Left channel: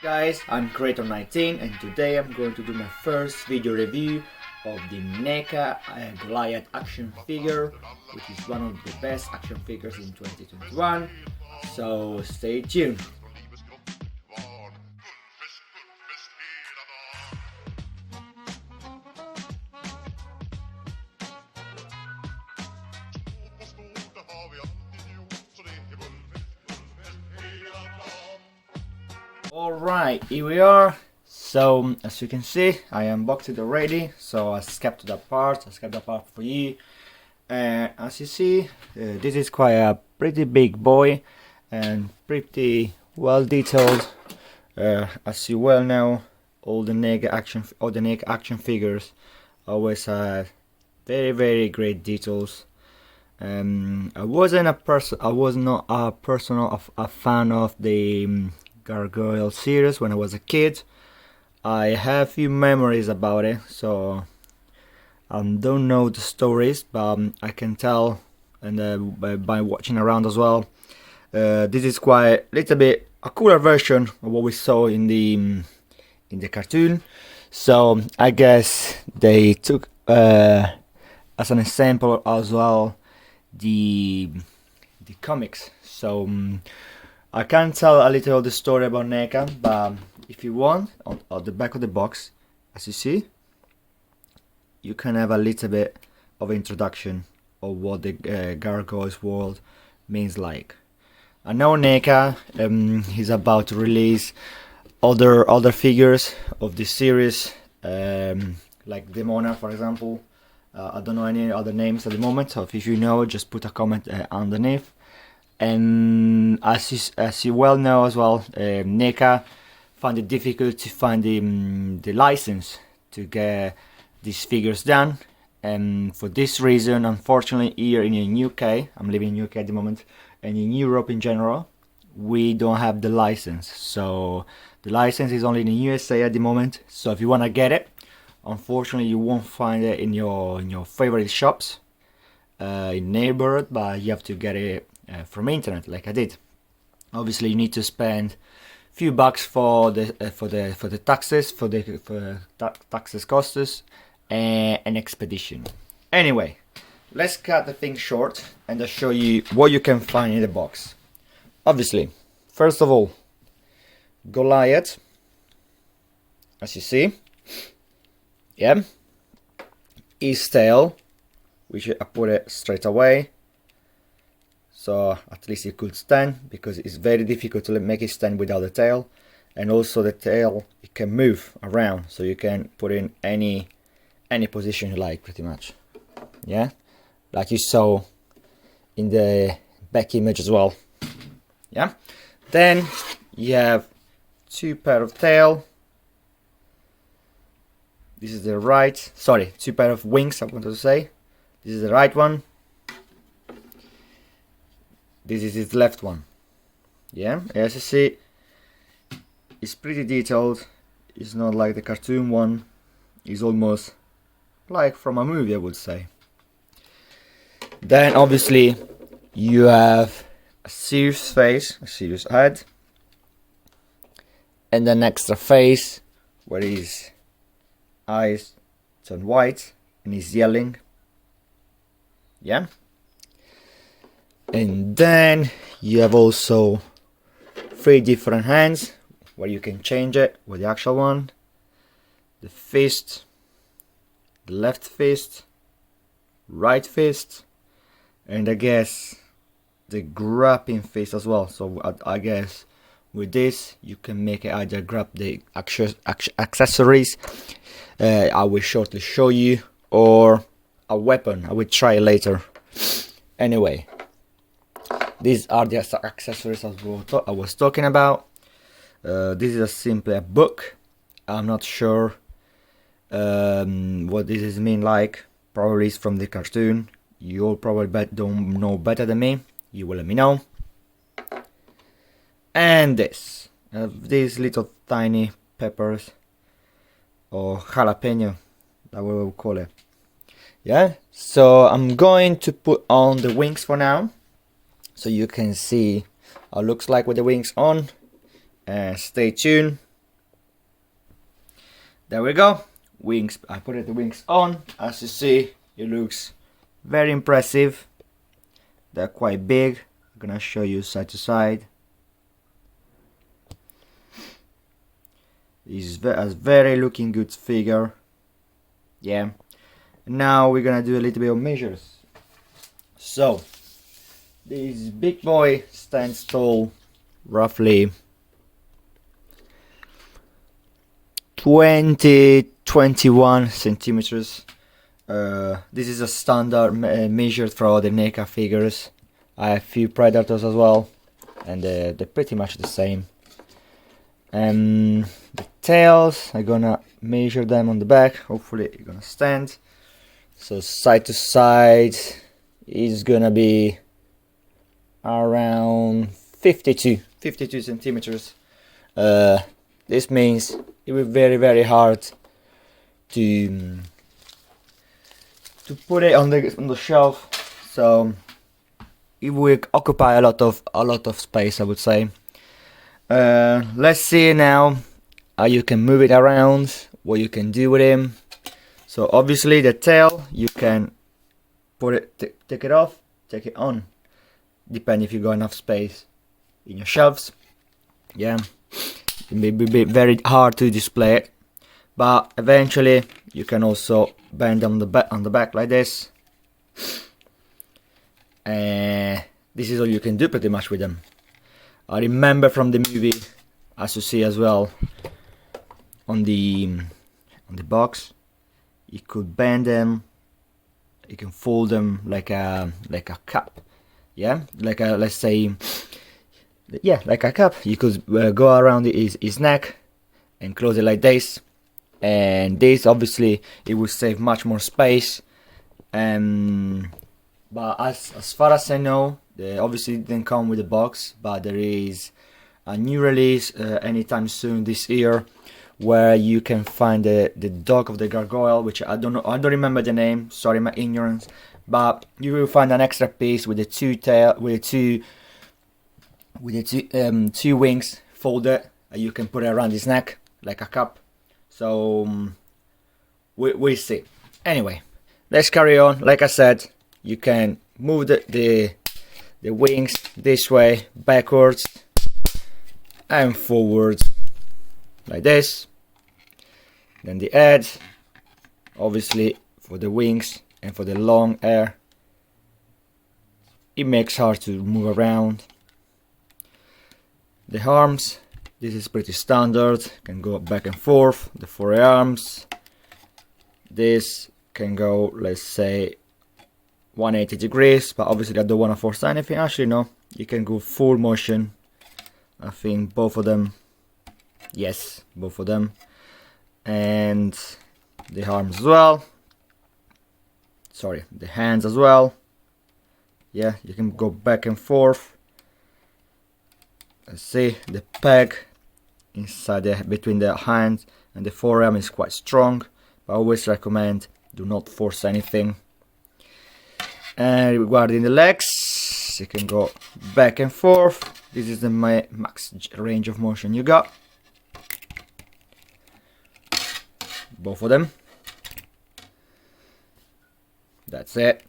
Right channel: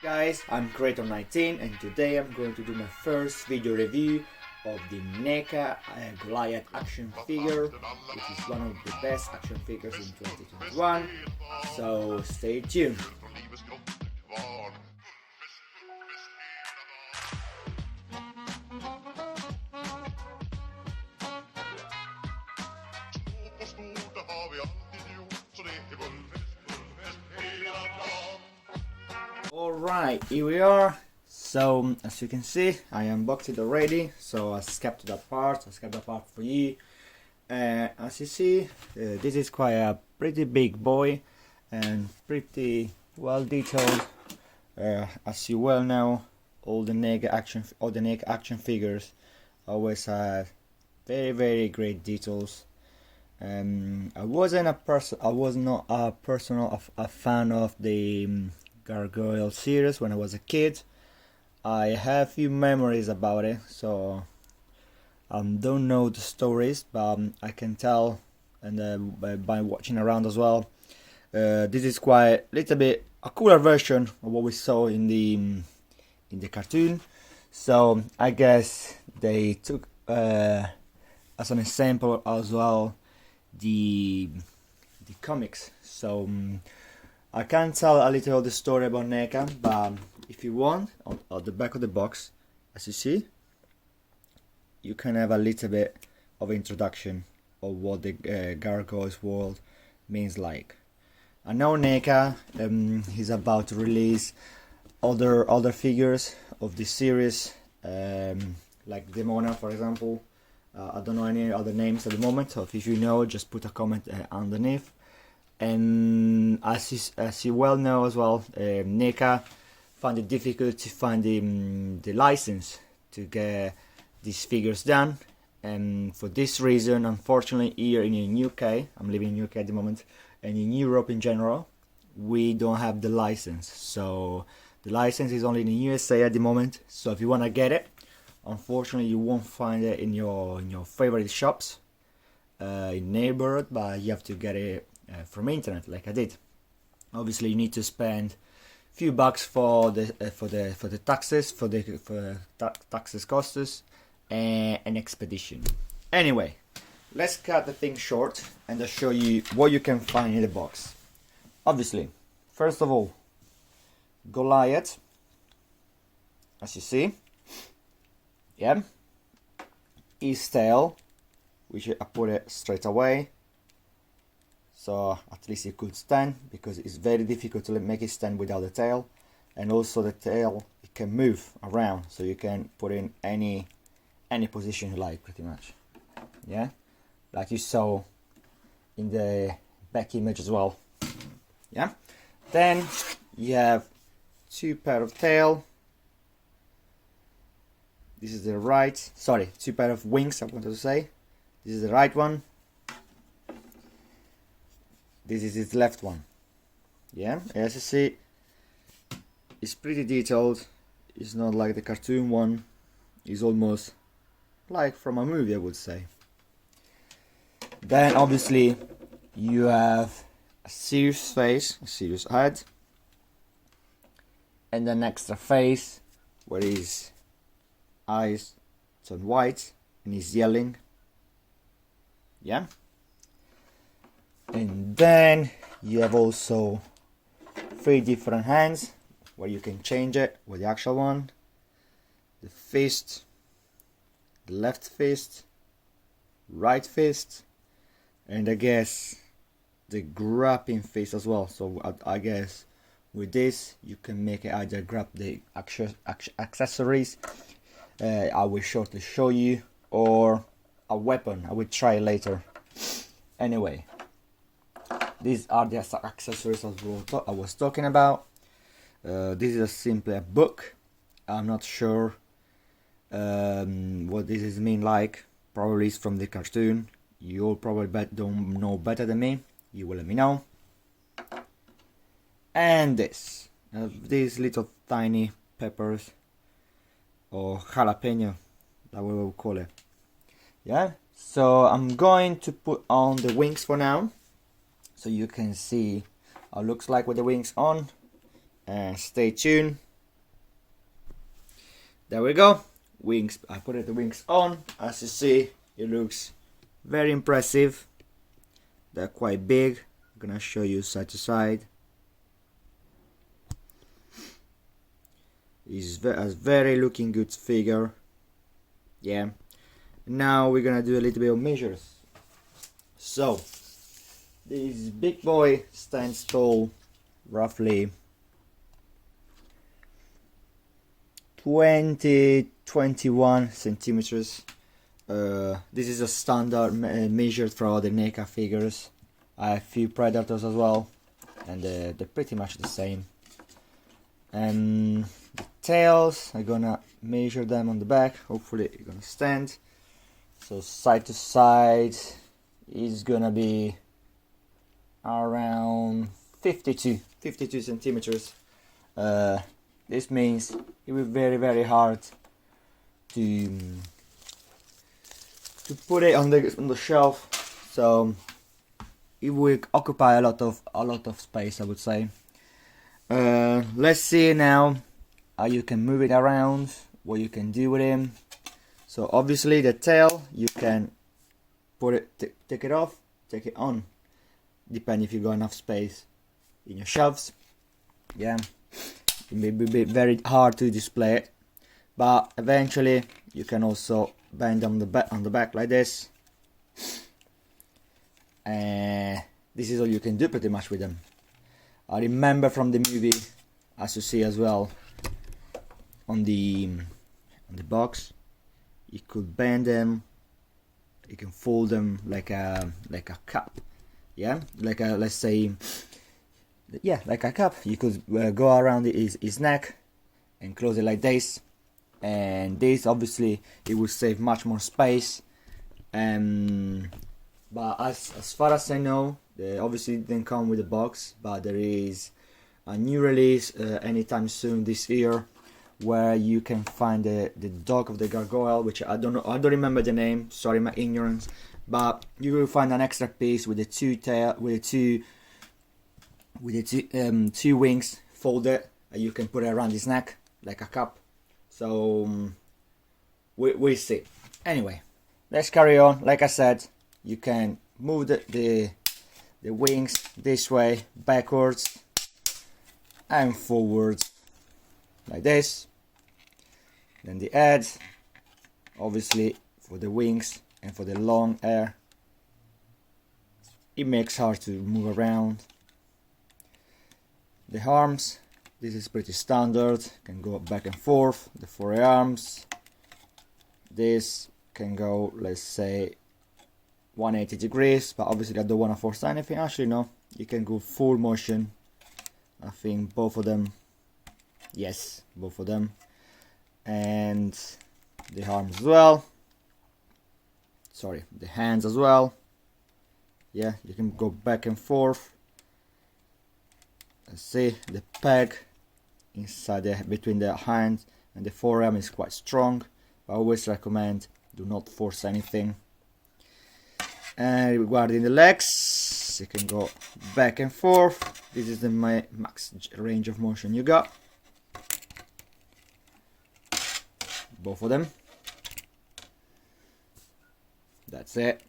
Guys, I'm Creator19 and today I'm going to do my first video review of the NECA Goliath action figure, which is one of the best action figures in 2021, so stay tuned. Alright, here we are. So as you can see, I unboxed it already, so I skipped that part for you. As you see, this is quite a pretty big boy and pretty well detailed. As you well know, all the NECA action figures always have very great details. I was not a fan of the Gargoyles series when I was a kid. I have few memories about it, so I don't know the stories, but I can tell, and by watching around as well, this is quite a little bit a cooler version of what we saw in the cartoon. So I guess they took as an example as well the comics. So I can tell a little of the story about NECA, but if you want, on the back of the box, as you see, you can have a little bit of introduction of what the Gargoyles world means like. I know NECA is about to release other figures of this series, like Demona, for example. I don't know any other names at the moment, so if you know, just put a comment underneath. And as you well know as well, NECA found it difficult to find the license to get these figures done, and for this reason, unfortunately, here in UK, I'm living in UK at the moment, and in Europe in general, we don't have the license. So the license is only in the USA at the moment. So if you want to get it, unfortunately, you won't find it in your favorite shops in neighborhood, but you have to get it from internet, like I did. Obviously, you need to spend a few bucks for the taxes, taxes costs, and an expedition. Anyway, let's cut the thing short and I'll show you what you can find in the box. Obviously, first of all, Goliath, as you see, yeah, his tail, which I put it straight away, so at least it could stand, because it's very difficult to make it stand without the tail. And also the tail, it can move around, so you can put in any position you like, pretty much, yeah, like you saw in the back image as well, yeah. Then you have two pair of tail. This is the right, sorry, two pair of wings, I want to say. This is the right one. This is his left one. Yeah, as you see, it's pretty detailed. It's not like the cartoon one. It's almost like from a movie, I would say. Then obviously you have a serious face, a serious head, and an extra face where his eyes turn white and he's yelling. Yeah. And then you have also three different hands where you can change it with the actual one. The fist, the left fist, right fist, and I guess the grabbing fist as well. So I guess with this you can make it either grab the accessories, I will shortly show you, or a weapon. I will try it later. Anyway, these are the accessories I was talking about. This is simply a book. I'm not sure what this is mean like. Probably it's from the cartoon. You all probably don't know better than me. You will let me know. And these little tiny peppers, or jalapeno, that we will call it. Yeah. So I'm going to put on the wings for now, so you can see how it looks like with the wings on. Stay tuned there we go. Wings, I put the wings on. As you see, it looks very impressive. They're quite big. I'm gonna show you side to side. It's a very looking good figure. Yeah. Now we're gonna do a little bit of measures. So this big boy stands tall roughly 21 centimeters. This is a standard measured for all the NECA figures. I have a few Predators as well, and they're pretty much the same. The tails, I'm gonna measure them on the back. Hopefully it's gonna stand. So side to side is gonna be around 52 centimeters. This means it will be very hard to put it on the shelf. So it will occupy a lot of space, I would say. Let's see now how you can move it around, what you can do with him. So obviously the tail, you can put it, take it off, take it on, depending if you got enough space in your shelves. Yeah, it may be very hard to display it, but eventually you can also bend on the back like this. And this is all you can do pretty much with them. I remember from the movie, as you see as well, on the box, you could bend them, you can fold them like a cup. Yeah, like a, let's say, yeah, like a cup. You could go around his neck and close it like this, and this obviously it will save much more space. But as far as I know, they obviously didn't come with a box, but there is a new release anytime soon this year, where you can find the dog of the gargoyle, which I don't remember the name. Sorry, my ignorance. But you will find an extra piece with the two wings folded. You can put it around his neck like a cup. So we'll see. Anyway, let's carry on. Like I said, you can move the wings this way, backwards and forwards like this. Then the head, obviously for the wings and for the long hair, it makes hard to move around. The arms, this is pretty standard, can go back and forth. The forearms, this can go, let's say, 180 degrees, but obviously I don't want to force anything. Actually no, you can go full motion. I think both of them, yes, both of them. And the arms as well, sorry, the hands as well. Yeah, you can go back and forth. Let's see, the peg inside between the hand and the forearm is quite strong, but I always recommend do not force anything. And regarding the legs, you can go back and forth. This is the max range of motion you got. Both of them. That's it.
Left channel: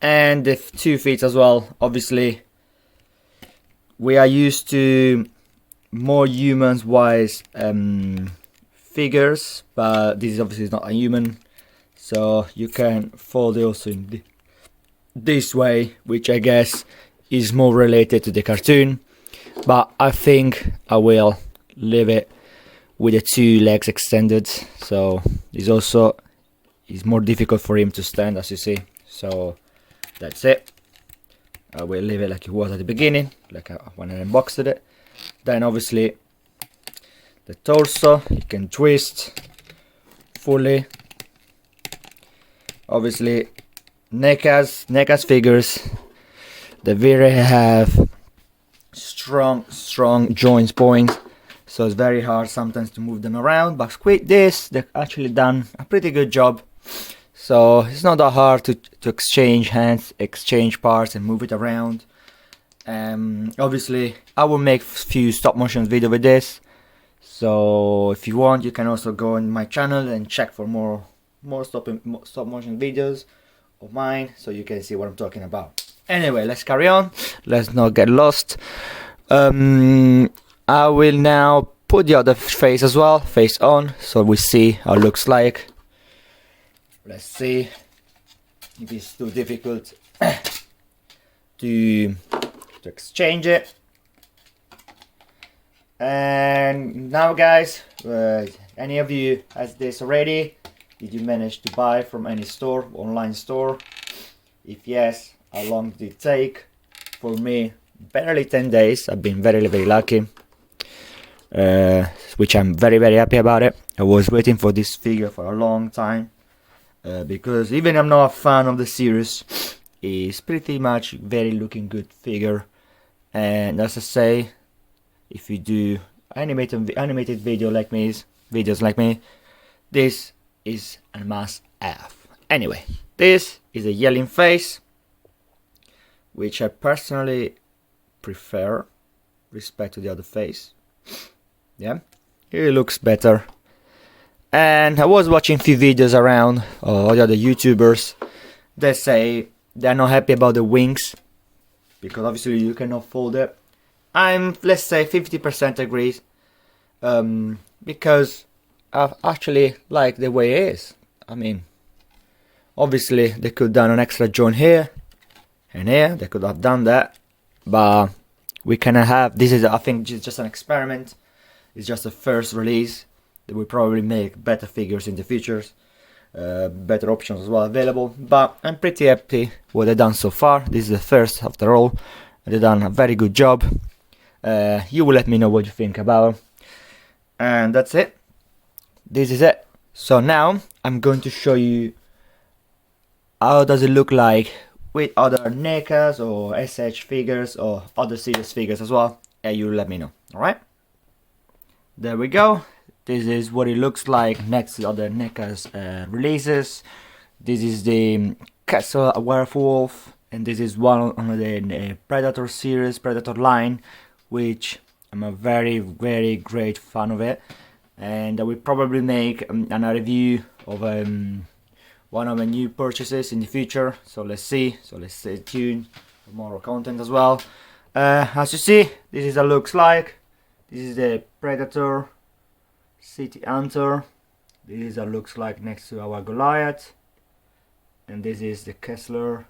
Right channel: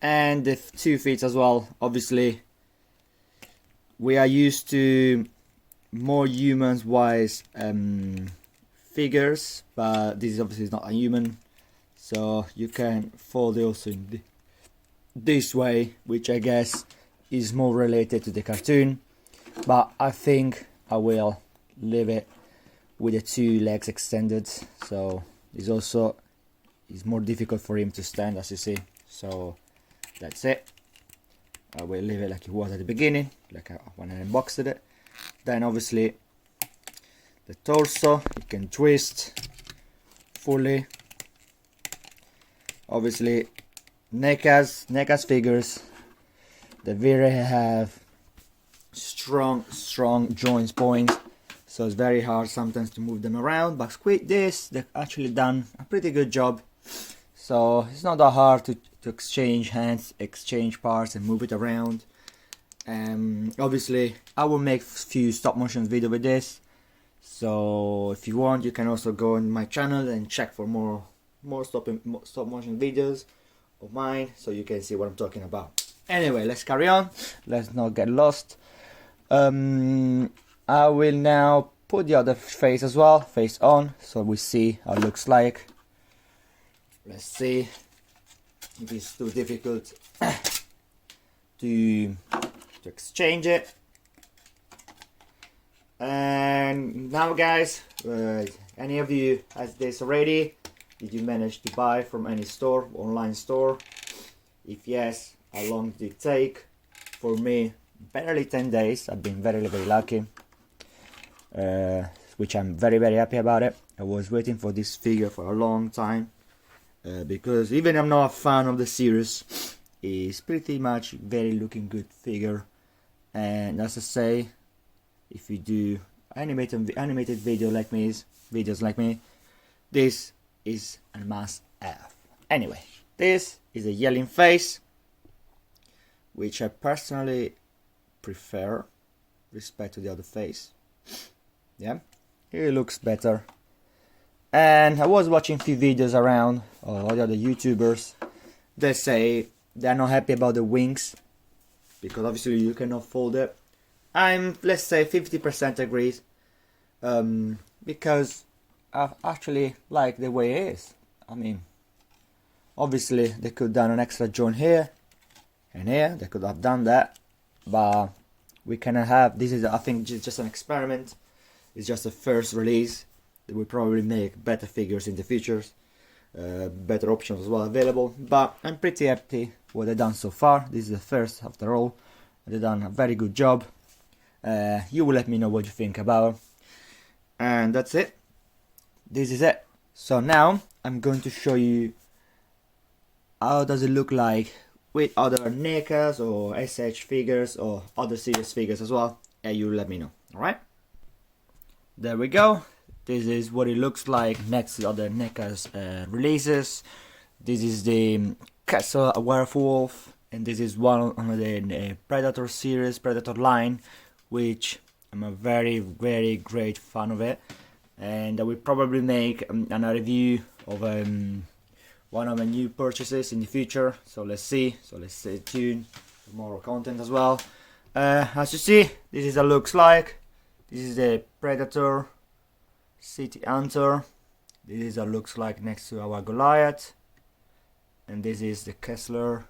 And the 2 feet as well. Obviously, we are used to more humans wise figures, but this is obviously not a human. So you can fold it also in this way, which I guess is more related to the cartoon. But I think I will leave it with the 2 legs extended. So it's more difficult for him to stand, as you see. So that's it. I will leave it like it was at the beginning, like when I unboxed it. Then obviously the torso, you can twist fully. Obviously NECA's figures, they really have strong joints points, so it's very hard sometimes to move them around, but with this they've actually done a pretty good job. So it's not that hard to exchange hands, exchange parts and move it around. Obviously I will make a few stop motion video with this, So if you want, you can also go on my channel and check for more stop motion videos of mine, so you can see what I'm talking about. Anyway, let's carry on. Let's not get lost. I will now put the other face as well, face on, so we see how it looks like. Let's see if it's too difficult to exchange it. And now, guys, any of you has this already? Did you manage to buy from any store, online store? If yes, how long did it take? For me, barely 10 days. I've been very, very lucky, which I'm very, very happy about it. I was waiting for this figure for a long time, because even I'm not a fan of the series, it's pretty much very looking good figure. And as I say, if you do animated videos like me, this is a must have. Anyway, this is a yelling face, which I personally prefer respect to the other face. Yeah, it looks better. And I was watching a few videos around all the other YouTubers that say they're not happy about the wings, because obviously you cannot fold it. I'm, let's say, 50% agrees, because I actually like the way it is. I mean, obviously they could have done an extra joint here and here, they could have done that, but we cannot have, this is, I think, just an experiment. It's just a first release. They will probably make better figures in the futures, better options as well available, but I'm pretty happy what they've done so far. This is the first after all. They've done a very good job. You will let me know what you think about, and that's it. This is it. So now I'm going to show you how does it look like with other NECAs or SH figures or other series figures as well, and you let me know. Alright, there we go. This is what it looks like next to other NECA's releases. This is the Castle Werewolf, and this is one on the Predator series, Predator line, which I'm a very, very great fan of it. And I will probably make a review of one of my new purchases in the future. So let's see. So let's stay tuned for more content as well. As you see, this is what it looks like. This is the Predator City Hunter. This is what it looks like next to our Goliath. And this is the Kessler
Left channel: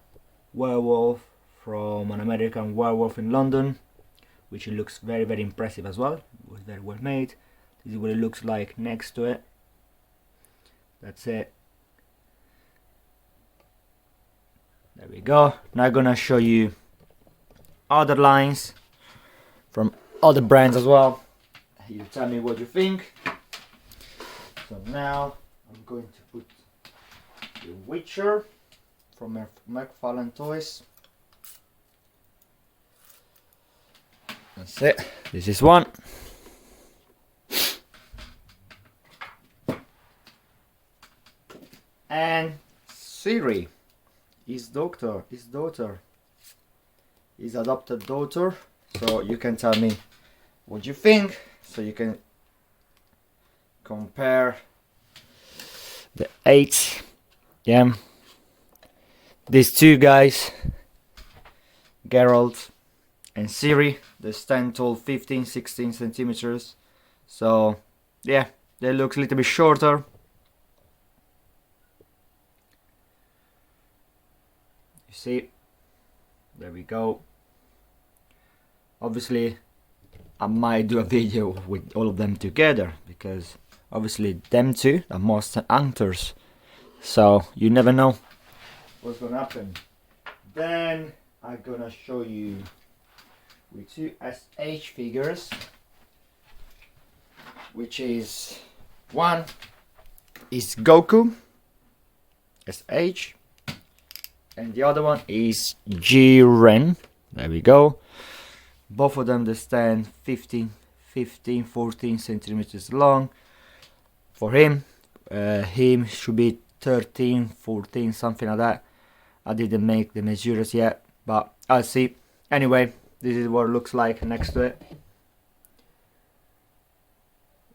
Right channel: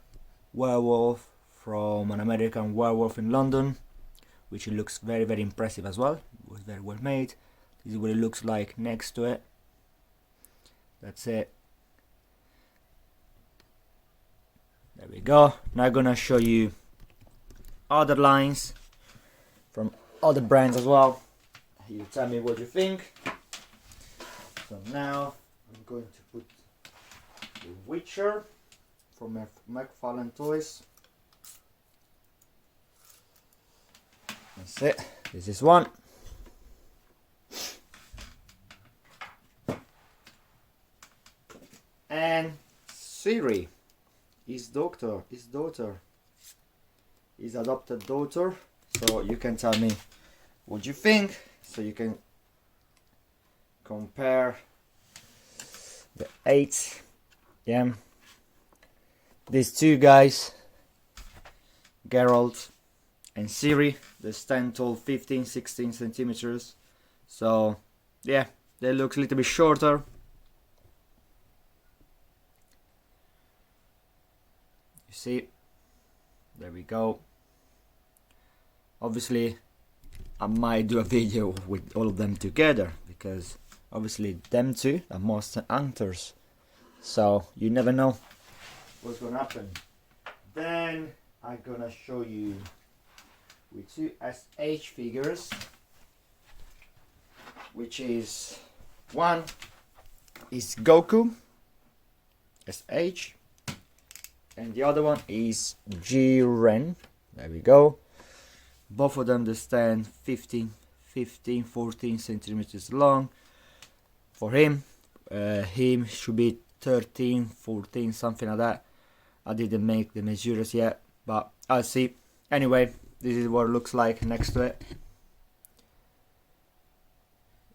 Werewolf from an American Werewolf in London, which it looks very, very impressive as well. It was very well made. This is what it looks like next to it. That's it. There we go. Now I'm gonna show you other lines from other brands as well. You tell me what you think. So now I'm going to put the Witcher from McFarlane Toys. That's it. This is one. And Siri, his daughter, his adopted daughter. So you can tell me what you think. So you can compare the 8. Yeah. These two guys, Geralt and Siri, they stand tall 15-16 centimeters. So yeah, they look a little bit shorter. You see, there we go. Obviously I might do a video with all of them together, because obviously them two are monster hunters, so you never know what's gonna happen. Then I'm gonna show you with two SH figures, which is one is Goku SH and the other one is Jiren. There we go. Both of them they stand 14 centimeters long. For him should be 13, 14, something like that. I didn't make the measures yet, but I'll see. Anyway, this is what it looks like next to it.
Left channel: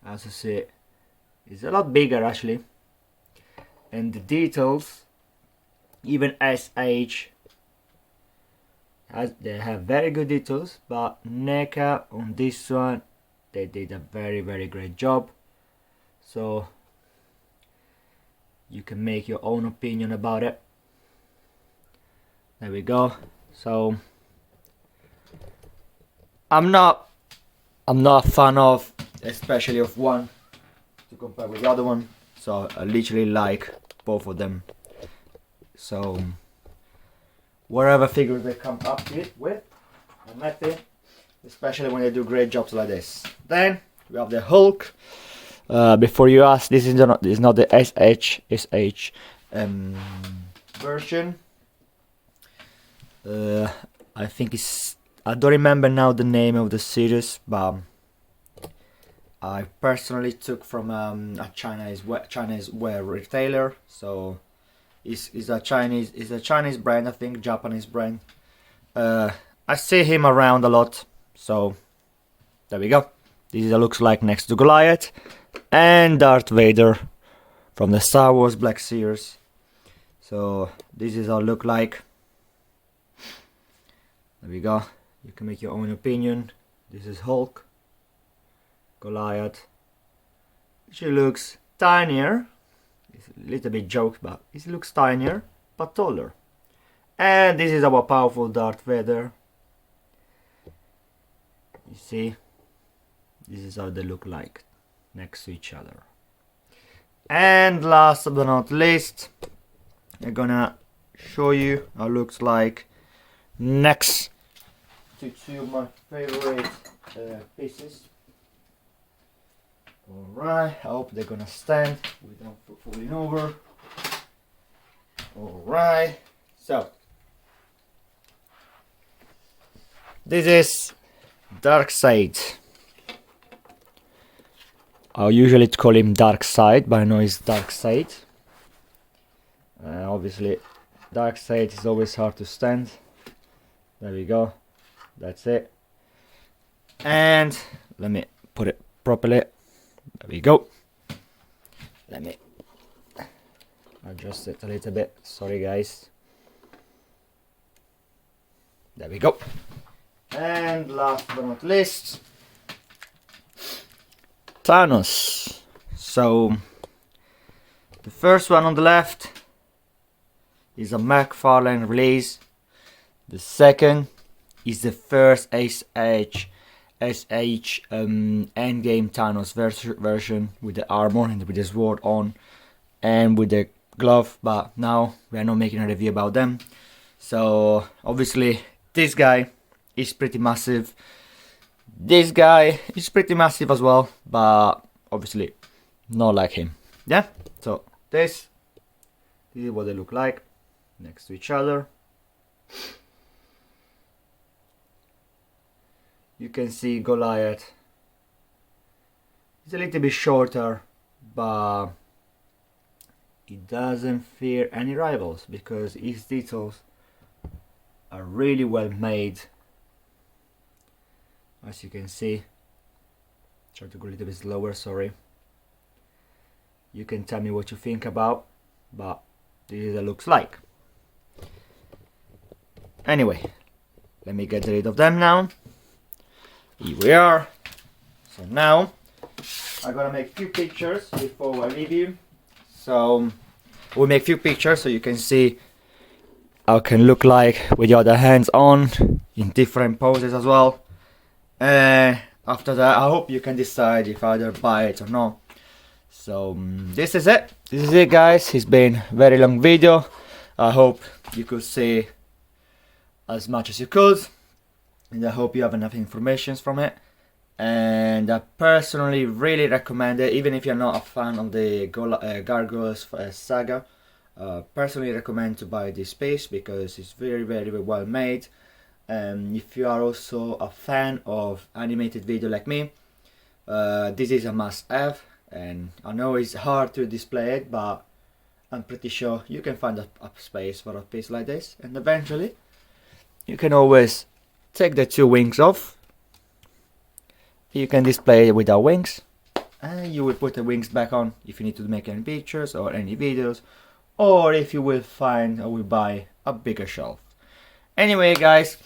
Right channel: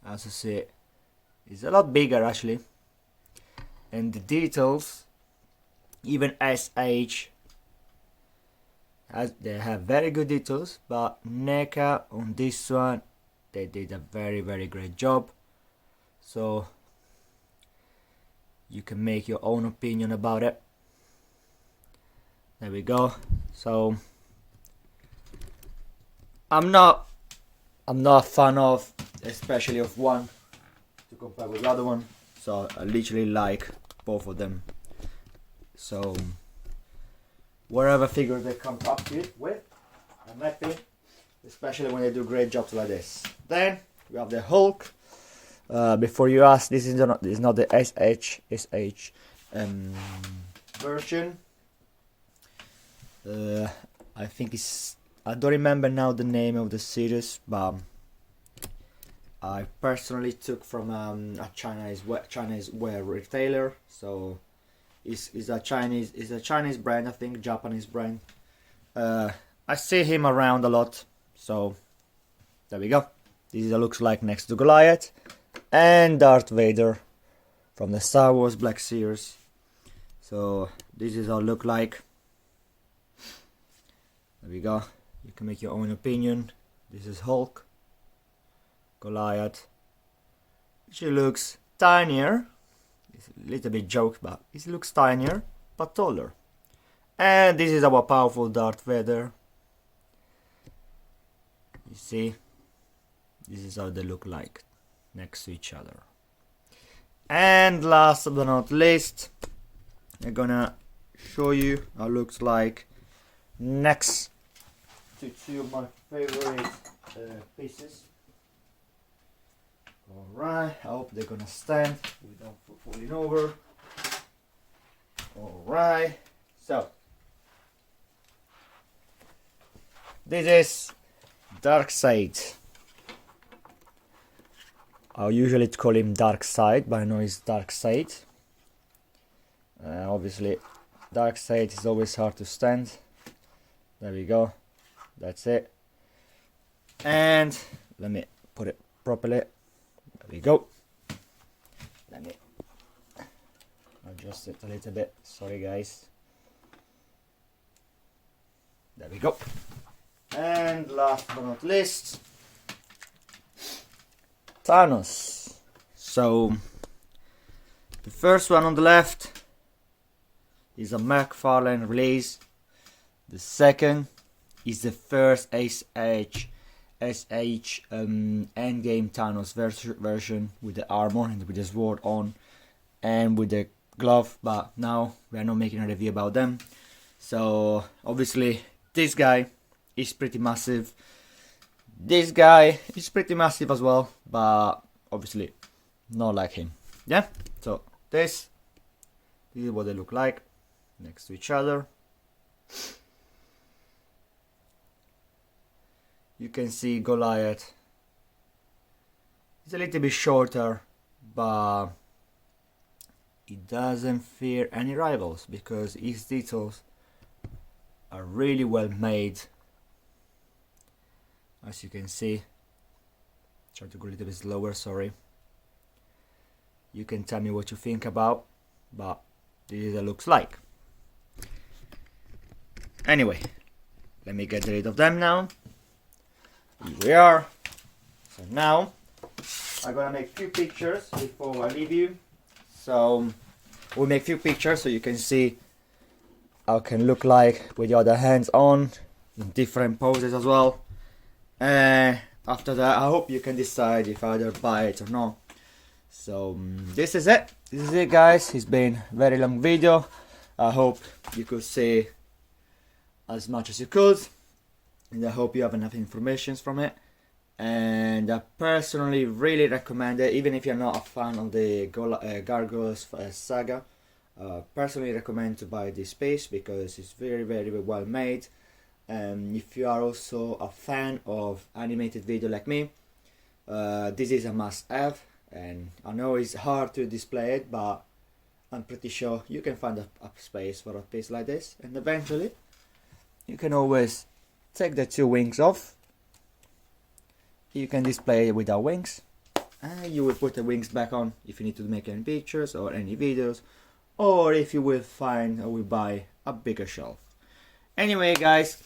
as you see, is a lot bigger actually, and the details, even SH, they have very good details, but NECA on this one, they did a very great job. So you can make your own opinion about it. There we go. So I'm not a fan of, especially of one to compare with the other one. So I literally like both of them. So whatever figures they come up with, I'm happy, especially when they do great jobs like this. Then we have the Hulk. Before you ask, this is not the SH version. I think I don't remember now the name of the series, but I personally took from a Chinese wear retailer. So it's a Chinese brand, I think, Japanese brand. I see him around a lot, so there we go. This is what it looks like next to Goliath and Darth Vader from the Star Wars Black Series. So this is how it look like. There we go. You can make your own opinion. This is Hulk, Goliath. She looks tinier. It's a little bit joke, but it looks tinier but taller. And this is our powerful Darth Vader. You see, this is how they look like next to each other. And last but not least, I'm gonna show you how it looks like next to two of my favorite pieces. Alright, I hope they're gonna stand without falling over. Alright, so this is Darkseid. I usually call him Darkseid, but I know it's Darkseid. Obviously, Darkseid is always hard to stand. There we go. That's it. And let me put it properly. There we go. Let me adjust it a little bit. Sorry, guys. There we go. And last but not least, Thanos. So the first one on the left is a McFarlane release. The second is the first SH Endgame Thanos version with the armor and with the sword on and with the glove, but now we are not making a review about them. So obviously this guy is pretty massive. This guy is pretty massive as well, but obviously not like him. Yeah, so this is what they look like next to each other. You can see Goliath is a little bit shorter, but he doesn't fear any rivals because his details are really well made. As you can see, try to go a little bit slower, sorry. You can tell me what you think about, but this is what it looks like. Anyway, let me get rid of them now. Here we are. So now I'm gonna make a few pictures before I leave you. So we'll make a few pictures so you can see how it can look like with your other hands on in different poses as well. After that, I hope you can decide if either buy it or not. So this is it. This is it, guys. It's been a very long video. I hope you could see as much as you could, and I hope you have enough information from it. And I personally really recommend it, even if you're not a fan of the Gargoyles saga. Personally recommend to buy this piece because it's very well made. If you are also a fan of animated video like me, this is a must-have. And I know it's hard to display it, but I'm pretty sure you can find a space for a piece like this. And eventually, you can always take the two wings off. You can display it without wings, and you will put the wings back on if you need to make any pictures or any videos, or if you will find or will buy a bigger shelf. Anyway guys,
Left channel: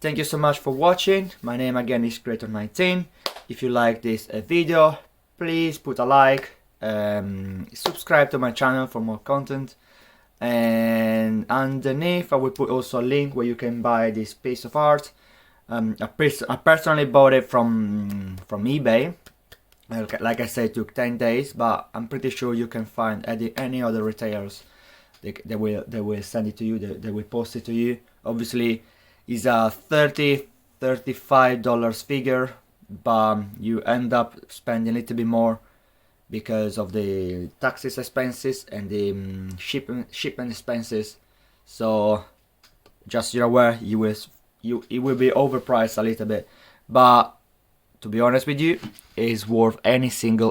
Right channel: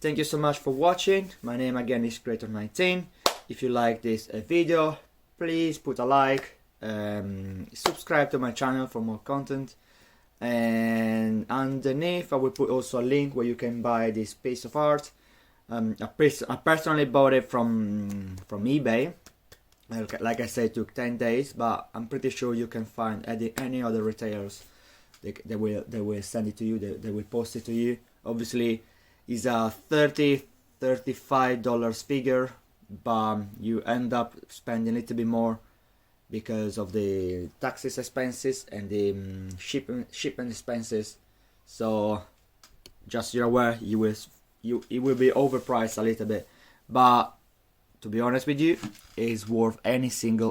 thank you so much for watching. My name again is Creator19. If you like this video, please put a like, subscribe to my channel for more content, and underneath I will put also a link where you can buy this piece of art. I personally bought it from eBay. Like I said, it took 10 days, but I'm pretty sure you can find any other retailers. They will send it to you, they will post it to you. Obviously it's a $35 figure, but you end up spending a little bit more because of the taxes expenses and the shipment expenses. So just you're aware, it will be overpriced a little bit, but to be honest with you, it's worth any single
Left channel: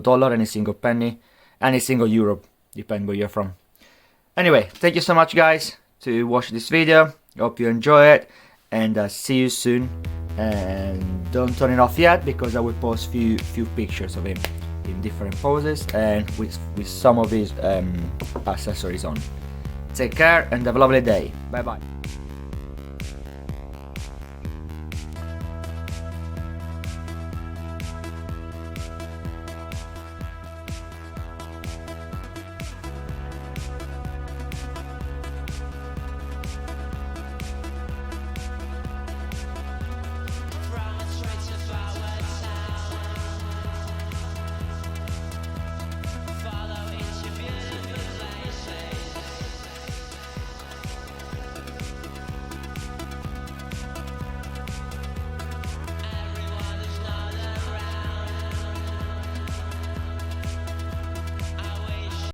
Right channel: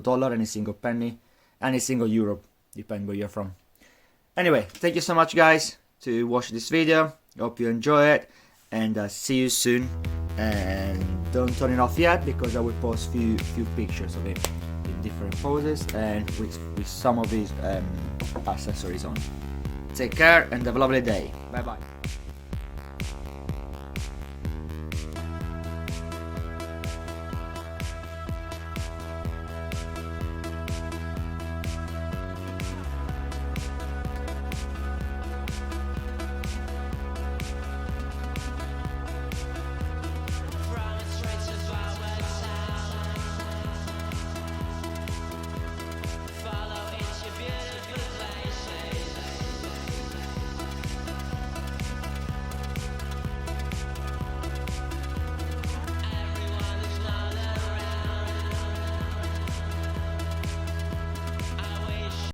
dollar, any single penny, any single euro, depending where you're from. Anyway, thank you so much guys to watch this video. Hope you enjoy it, and see you soon. And don't turn it off yet, because I will post few pictures of him in different poses and with some of his accessories on. Take care and have a lovely day. Bye bye.